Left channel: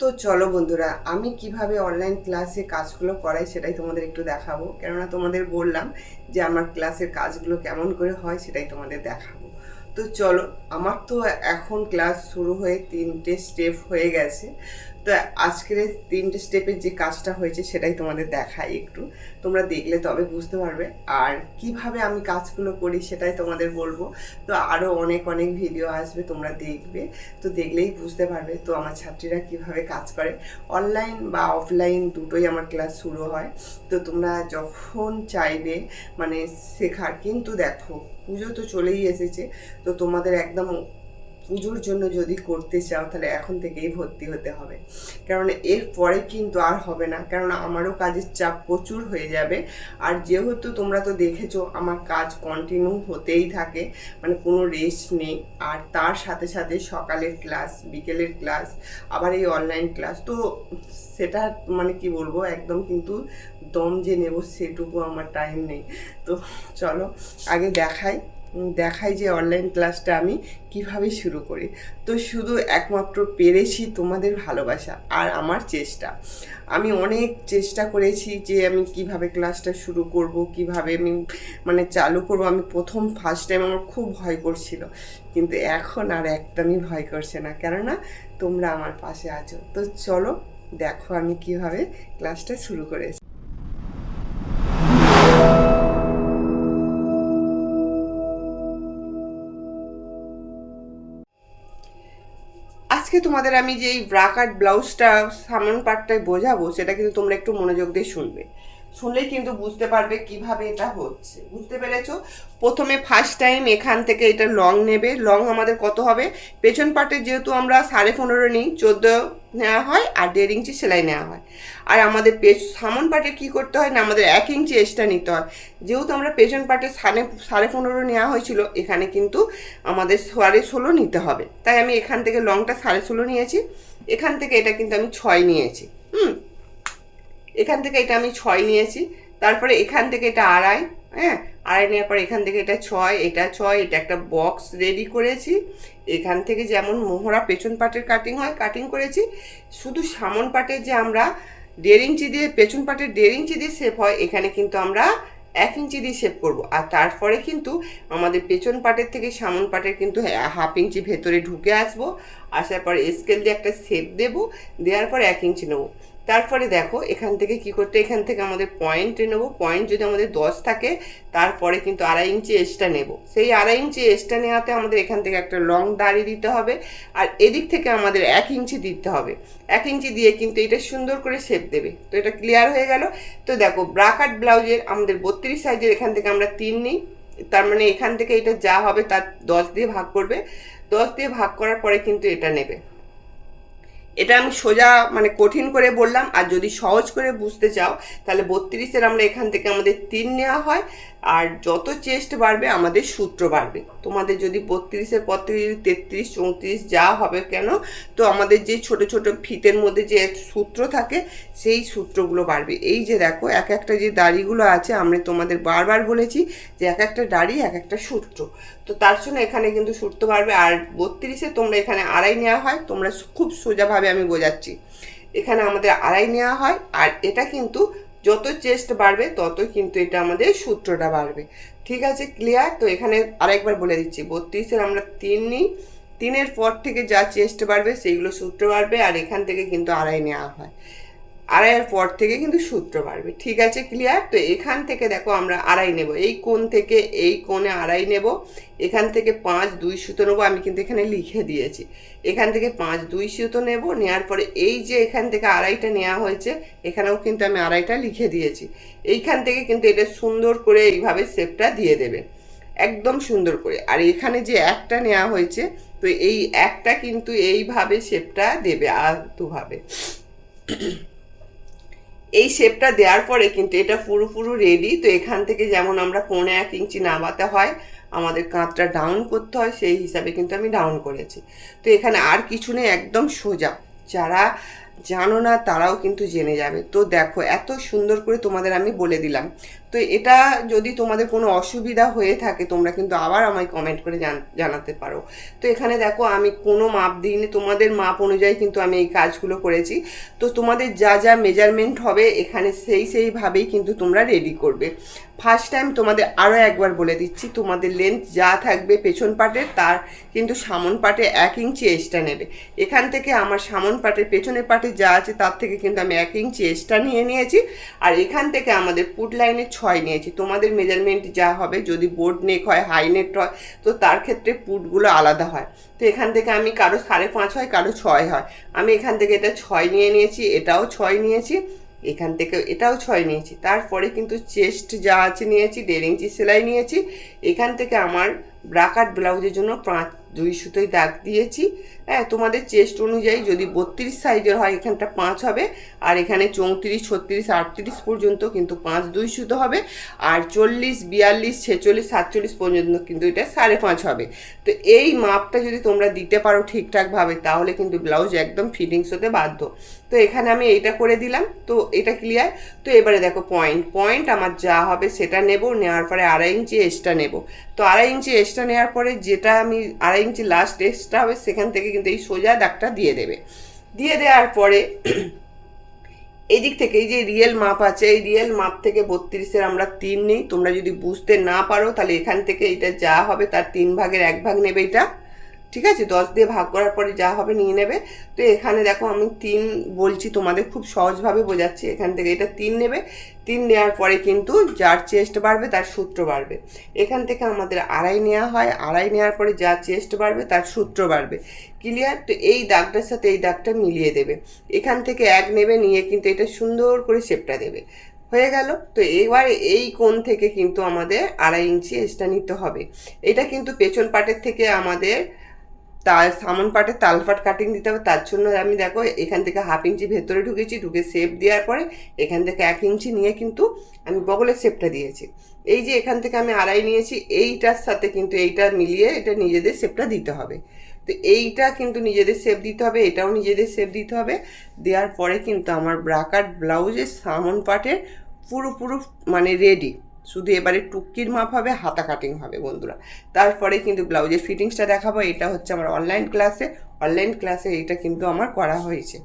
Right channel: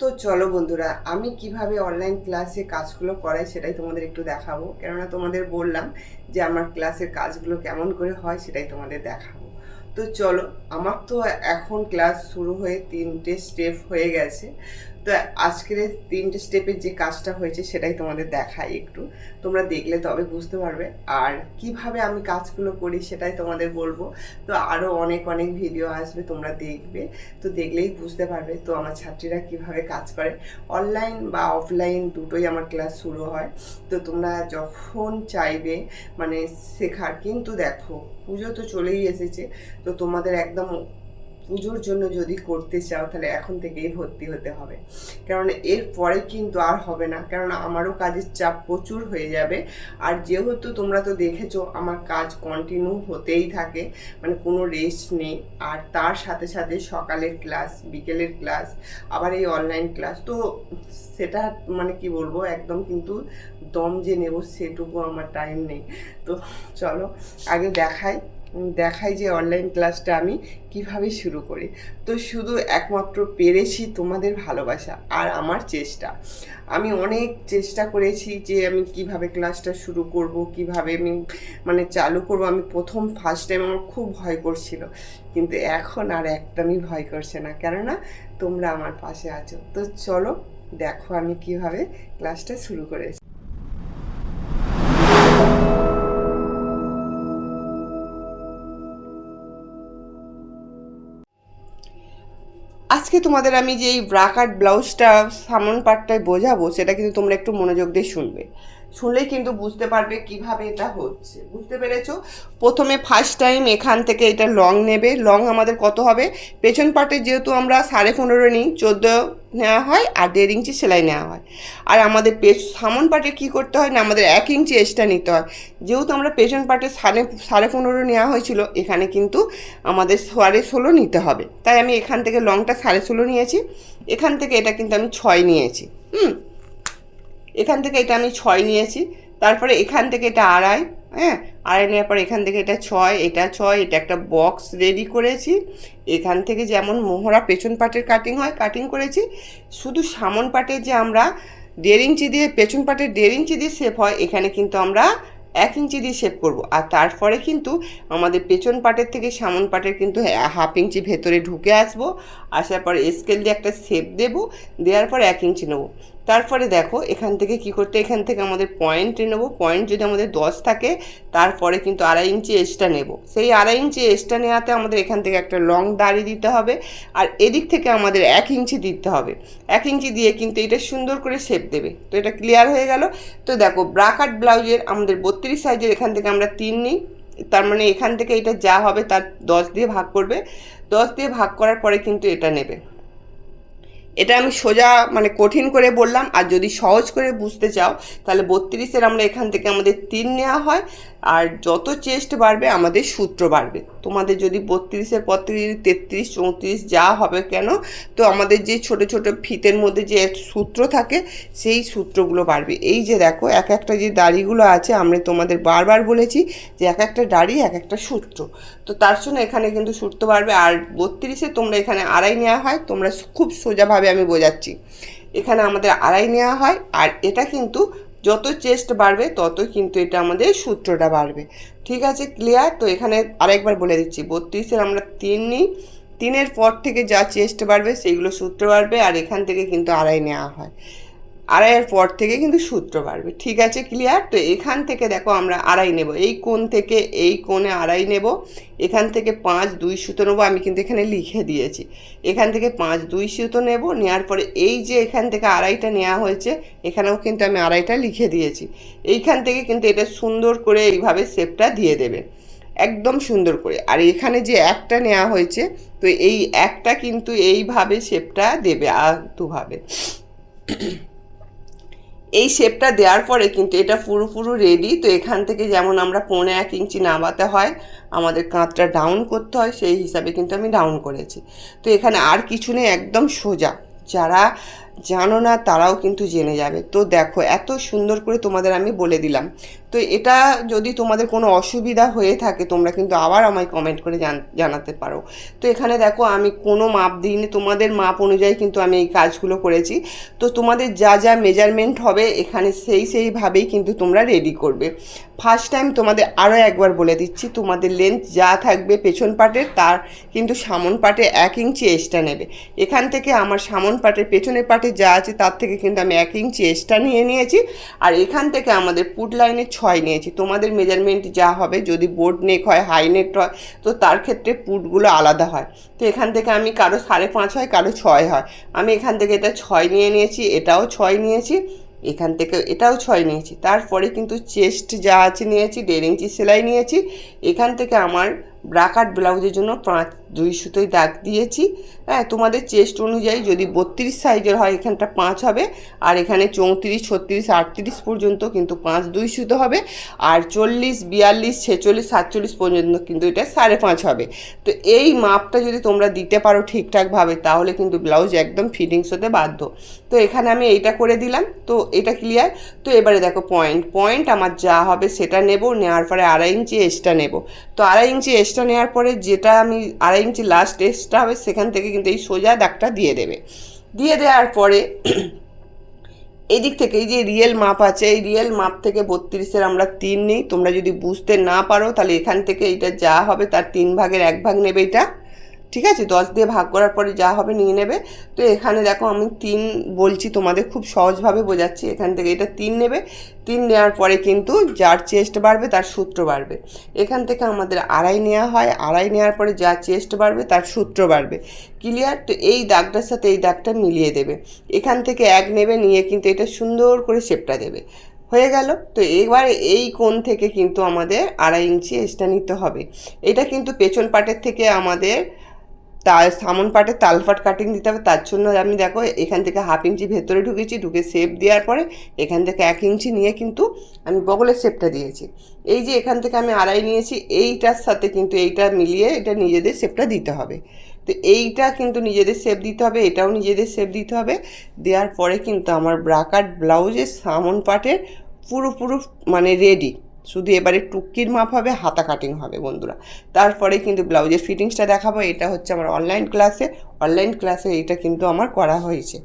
তো চলো বন্ধুরা, আমি কিভাবে অনলাইন ক্লাসে কাজগুলো করাই সেটাই তোমাদের একটু দেখাবো। কেননা তোমাদের বললাম যে আমার ক্লাসের কাজগুলো কেমন করে হয় সেটাই তোমাদের দেখাবো। তো চলো, আমার তো এখন ক্লাস শুরু হয়ে 3টে স্টেপ হয়ে গেছে। তো আজকের এই 3টে স্টেপের যে কাজটা হয়েছে সেটাই তোমাদের দেখাই একটু। তোমরা দেখলে তবে বুঝতে পারবে। আর কিভাবে আমি কাজগুলো করি সেটাই তোমাদের বলবো। তো আরও অনেক অনেক ভিডিও আসবে, তোমরা দেখবে। তো দেখলেই বুঝতে পারবে তো আমার ছাত্রীরা কিভাবে কাজ করে। অনলাইন বা অফলাইন দুটোই আমার ক্লাস শুরু হয়। তো তোমরা যখন চাইবে মানে শেখার, কিন্তু দেখো পুজো তো চলেই এসেছে। তো তোমাদের একদম পুজোর জন্য যদি করতে চাও তাহলে এখন থেকেই ভর্তি হতে হবে, কারণ এর পরে কিন্তু আর হবে না, কারণ আমারও কাজের চাপ প্রচুর হয়ে যাবে। আর যেহেতু তোমরা তো দেখেছো আমার কাজ কন্টিনিউ হতেই থাকে, মানে কোনো রেস্ট নেই। আর তার সাথে সাথে সকালের ক্লাস, বিকেলের ক্লাস, আবার এই অনলাইন ক্লাস। তো সেটা মানে কি বলবো, একদম কিন্তু দম যে নেব সেটুকু আমার টাইম নেই। তো চলো আগে দেখাই যে অনলাইন ক্লাসটা আমি কিভাবে শুরু করি। তো শুধু একমাত্র পেরেছি তোমাদের ভালোবাসা আর আমার চেষ্টা। আমি অনেক চেষ্টা করেছি যে আমি কিভাবে ক্লাসটা শুরু করব, কিভাবে আমি মানে চালু করব। আমি ফার্স্ট টাইম আমার খুব ভয় করছিল, কিন্তু এখন আর একদমই ভয় করছে না, কেননা তোমরা আমার পাশে আছো। তো চলো দেখো আমি কিভাবে ক্লাসটা শুরু করেছি। আজকে তোমাদের আমি যে এই ব্রাকাট ব্লাউজটা সামন পার্টটায় বোঝাবো, সেটা কিন্তু তোমরা একটু মনোযোগ দিয়ে শুনবে। শুনলেই কিন্তু বুঝতে পারবে কিভাবে এটা হচ্ছে। বুঝতে পেরেছো? প্রথমে ফার্স্ট টাইম এখান থেকে এটা লং নেবে। লং আমাদের কত হবে? পেছন পার্টে যেহেতু আমরা 15.5 নিই, 14 নেওয়া হয়, আর 1.5 ইঞ্চি সেলাই নেওয়া হয়। আর আমাদের সামন পার্টে কী করতে হয় না, আমাদের 1 ইঞ্চি এক্সট্রা নিতে হয়। যেহেতু আমরা পেছন পার্টে 15.5 নেওয়া হয়েছিল, এখানে কিন্তু আমাদের 16.5 নিতে হবে। তাই আমি এখান থেকে লংটা 16.5 নিয়েছি। এখান থেকে এটা কিন্তু আমি 6 নিয়েছি। এখান থেকে এটা আমি 6 নিয়েছি। তারপরে এখান থেকে এটা 2.5, হ্যাঁ, 2.5 নেওয়ার পর এখান থেকে এটা 6, এটা 6, এটা একটা বক্স রেডি করেছি। এখান থেকে যেমন মোহরা পেছন পাটের কাটিং হয় কাটিং করেছি। শুধু সামন পাটের যে আমরা 1.5 ইঞ্চি দিয়ে, পেছন পাটের 1.5 ইঞ্চি দিয়ে শেপ হয়, এখানে কিন্তু আমরা 1 ইঞ্চি দিয়ে শেপ করব। আর তারপরে কিন্তু আমাদের পেছন পাটের থেকে সামন পাটের কিন্তু 1/2 ইঞ্চি ভেতরে ঢুকে আসবো। আসার পরে স্কেল দিয়ে একটা শেপ দেবো, দেওয়ার পর 1 ইঞ্চি নেবো। তারপরে দেখো এখান থেকে কি করতে, এখান থেকে আমাদের পয়েন্ট নেবো। পয়েন্ট যদি আমাদের 10 থাকে, তারপরে কিন্তু 2.5 ইঞ্চি এক্সট্রা নেব। সেই 2.5 ইঞ্চি এক্সট্রা নেওয়াতে আমাদের এখান থেকে একটা লং দাড়ি দিতে হবে। আর এদিক থেকে আমাদের 1 ইঞ্চি দিতে হবে। 1 ইঞ্চি দিয়ে কিন্তু এটা সুন্দর করে শেপ দেবে। তো এটা ক্লিয়ার হয়ে গেল। তো দেখো ব্রাকাট ব্লাউজের আমাদের 32 সাইজের এখান থেকে আমরা 3 নিই। তার মানে এখান থেকে এটা যা হবে তার 10 দিয়ে ভাগ করবে। 10 দিয়ে ভাগ করার পরে কিন্তু এটা নেবে। এটা আমি সোজা মানে কঠিন করে বললাম। আর যদি সহজ করে বুঝতে চাও তাহলে 32-এর আমরা এখান থেকে আমাদের 3 নেওয়া হয়। আর যত চেস্ট বাড়বে আমাদের সূত্র বাড়বে। তোমাদের যদি 32-এর পর থেকে যদি 33, 34 যা হবে কেন, তো আমাদের যে ছোট ছোট ফিতের মধ্যে যে সূত্র থাকে সেই সূত্রগুলো বাড়বে। এই যে দেখো এক একটা যে দাড়িগুলো আছে, আমরা তোমাদের বারবার বলেছি যে এক একটা দাড়ি এক একটা সূত্র। তো তার জন্য এখানে কিন্তু সূত্র বাড়বে। আর 32-এ তোমরা এখানে 2.5 নেওয়া হয়। তোমরা খুব সোজাভাবে আমি বোঝাচ্ছি, এখানে আমাদের 2.5 নেওয়া হয়। আর এটা কিন্তু যত চেস্ট বাড়বে ততই কিন্তু এটা আমাদের সূত্রটা বাড়বে। ঠিক আছে, ক্লিয়ার? তো এখানে আরেকবার বলে দিচ্ছি, 32-এর আমরা 3 নিই। 3-এর পর থেকে যা চেস্ট বাড়বে সেইগুলো সূত্র বাড়বে। আর এখান থেকে কিন্তু 2.5 নেওয়া হয়। 2.5-এর পর থেকে কিন্তু সূত্র বাড়বে। ঠিক আছে, ক্লিয়ার? তো এখান থেকে দেখো আমরা 2.5 নেব। এই কোণ থেকে এই কোণে 2.5 নেব। এখান থেকে 5-2 সুতো নেবো। আমি কিন্তু এখানে লিখে দিয়েছি। এখান থেকে 5-2 সুতো নেব। নেওয়ার পরে এই যে এখান থেকে 2.5টা নেওয়া হয়েছে, এখানেও কিন্তু আমি 2.5টা লিখে দিয়েছি। এইখান থেকে কিন্তু এটা সুন্দর করে এইভাবে শেপটা দিয়ে দেবে, একদম সুন্দর করে। আর এখানে যে একটা নেওয়া হয়েছে, তো এই একটা কিন্তু এইভাবে শেপটা দেবে আর দুভাবে। এই শেপটা দেওয়ার পরে কিন্তু এটা পুরো রেডি। তো এখান থেকে যেমন আমরা 1.5 ইঞ্চি নামাতে হয়, আমাদের কাঁধটা ডাউন করতে হয়, সেই হিসাবে কিন্তু আমি ডাউন করেছি। তো এখানে আর কিছু নেই, একদম সোজা। যারা জানো না তারাও কিন্তু জেনে যাবে। তো দেখো এত সুন্দর করে তোমাদের আমি বলে দিলাম। তো এটা যদি তোমাদের কোনো অসুবিধা হয়ে থাকে তোমরা কিন্তু আবার আমায় কমেন্ট করে জানাতে পারো। তো এখানে দেখো আমি কোনো মাপ দিইনি, তোমাদের মাপ অনুযায়ী কিন্তু আমি এই কাজগুলো করেছি। তো তোমাদের যা যা মেজারমেন্ট হবে এখানে সেইভাবেই কিন্তু তোমরা রেডি করবে। ফার্স্ট টাইম তোমাদের আরও একবার বলে দিচ্ছি, তোমাদের লেন্থ যা থাকবে পেছন পাটের তার কিন্তু সামন পাটে 1 ইঞ্চি এক্সট্রা নেবে। এখান থেকে আমার সামন পাটের পেছনের পাটে যা আছে তার থেকে কিন্তু আমি 1 ইঞ্চি এক্সট্রা নিয়েছি। আর এখান থেকে আমাদের পুট লাইনে 6 নিয়েছি। তোমাদের মেজারমেন্ট যা হবে, যদি বোর্ড নেক হয়, হাই নেক হয়, তো তার ক্ষেত্রে পুটগুলো আলাদা হয়। তো এখান থেকে আমি কারো 5.5 হয়, কারো 6 হয়, আমি এখান থেকে এটা 6 নিয়েছি, এটাও 6 নিয়েছি, এখান থেকে এটাও 6 নিয়েছি। তারপরে কিন্তু চেস্ট যা আছে নিয়েছি 1.5 ইঞ্চি সেলাই নিয়েছি। এখান থেকে আমার ব্রাকাট ব্লাউজের জন্য 2 সুতোয় দাগ দিয়েছি। হ্যাঁ, তোমাদের চেস্ট অনুযায়ী যদি 32 সাইজের হয় এখানটা 5 হবে, আর এখানে 34, 36, 38 পর্যন্ত কিন্তু 5 সুতো হবে, আর 40, 42, 46, 47 পর্যন্ত কিন্তু এটা 5.5 হবে। তো এই মাপটা যদি তোমরা দিতে পারো ঠিকঠাকভাবে তাহলে কিন্তু ব্লাউজ একদম ফিটিংস হতে বাধ্য। তো এখানে আমি এইটা করে দিলাম। তো এটা ক্লিয়ার। তো এবারে দেখো পয়েন্ট আমার যা হবে সেটা নেব, নেওয়ার পরে 2.5 ইঞ্চি এক্সট্রা নেব। তো 2.5 ইঞ্চি এক্সট্রা নেওয়ার পরে যেটা আমি 2.5 ইঞ্চি লাস্ট এক্সট্রা হবে সেখান থেকে কিন্তু এই সোজা দাগটা দিয়ে দেবে। দিয়ে দেওয়ার পরে এদিক থেকে এই যে রিয়েল মাপ আছে, এই রিয়েল মাপ থেকে 32-এর আমরা 3 নিই। তোমরা যদি বুঝতে না পারো তাহলে এখান থেকে এটা যা হবে তার 3 ভাগের 1 ভাগ নেবে এটা, ঠিক আছে? 10 দিয়ে ভাগ করার পরে যা হবে নিয়ে নেবে। তো এখানে দেখো আমি 3 বলছি, তোমাদের খুব সহজভাবে বোঝাচ্ছি। এখান থেকে এটা 3 নেবে। 3 নেওয়ার পরে কিন্তু যার চেস্ট বাড়বে তার সূত্র বাড়বে। এখান থেকে আমাদের 2.5 নেওয়া হয়, 2.5 নেওয়ার পরে যার চেস্ট বাড়বে তার সূত্র বাড়বে। ক্লিয়ার? তো এই দাগটার সাথে এই দাগটা মিলিয়ে দেবে। এখান থেকে 1 নেবে, নিয়ে কিন্তু এটা সুন্দর করে শেপটা দেবে। হয়ে গেল। তো এবার এই কোণ থেকে কিন্তু আমাদের 2.5 ইঞ্চি এক্সট্রা নিতে হবে। এটা কিন্তু পেছন পাটের থেকে আমাদের তার সামন পাটে তালপাট কাটিং দিতে হবে। তার জন্য আমি দেখো এখান থেকে 1/2 ইঞ্চি ভেতরে ঢুকে শেপ দেওয়ার পরে এখান থেকে 1 ইঞ্চি নিয়ে কিন্তু আমি বগলের শেপটা দিয়েছি। এই যে এখান থেকে আমি 2.5 নিয়েছি, এইটার সাথে কিন্তু এইটা মিলিয়ে এটা নিজেদের শেপটা দিতে হবে। তো এইটা কিন্তু নিজেদের শেপ দিতে হবে, এটাও নিজেদের শেপ দিতে হবে। দেওয়ার পরে কিন্তু আমার ব্রাকাট ব্লাউজের সামন পাটের পুরো মানে রেডি। শুধু এবারে টুকির মাপ হবে, হাতা কাটিং হবে বন্ধুরা। তারপরে কিন্তু ব্লাউজের ফিটিংসটা দেখাবো। এটা হচ্ছে আমার অনলাইন ক্লাসে এইটা কিন্তু আমার করা হয়েছে।